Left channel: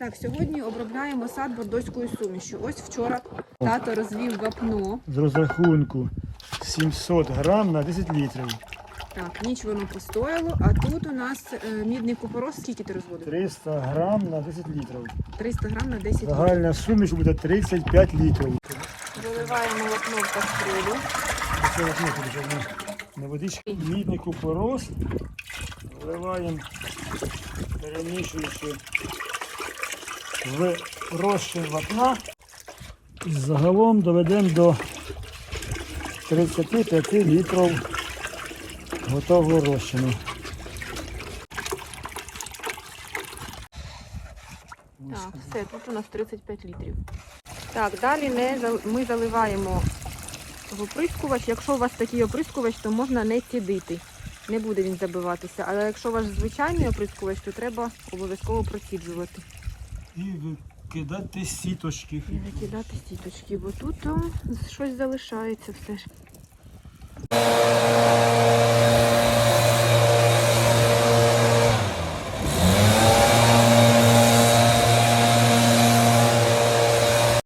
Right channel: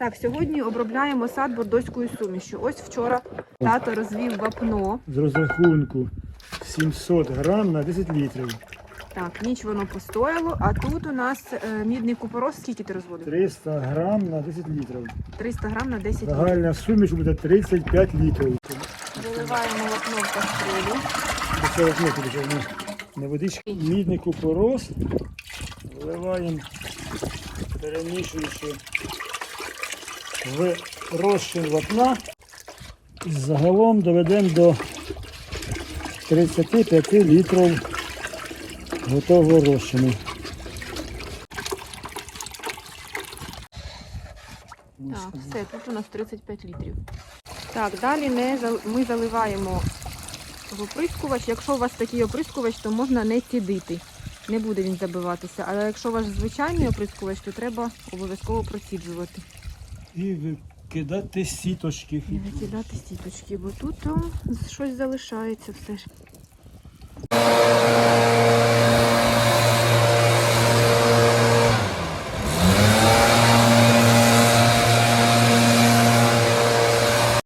Так, сьогодні обробляємо сад бордоською сумішю. Ось вчора тато розвів вапно. З розрахунку 700 грам на 10 літрів. Так, ніч воно постояло, а тут у нас е, мідний купорос. Скільки ти розводив? 300 грам на 10 літрів. 300 грам на 10 літрів. Загальна суміш буде 35 літрів. Виливаємо вапно в каструлю. Це не водички. Мідний купорос. Виливаємо, перемішуючи в розчин вапна. І загалом доведемо до 35 літрів готового розчину. Все, тут у нас 35 літрів. Так, далі ми, ми заливаємо в оприскувач. Якщо у вас такий оприскувач, то можна не цідити. Не буде він забиватися. Але якщо ваш звичайний оприскувач, то треба обов'язково проціджувати. І викидати сіточки. І викидати сіточки, бо тут щось залишається все ж.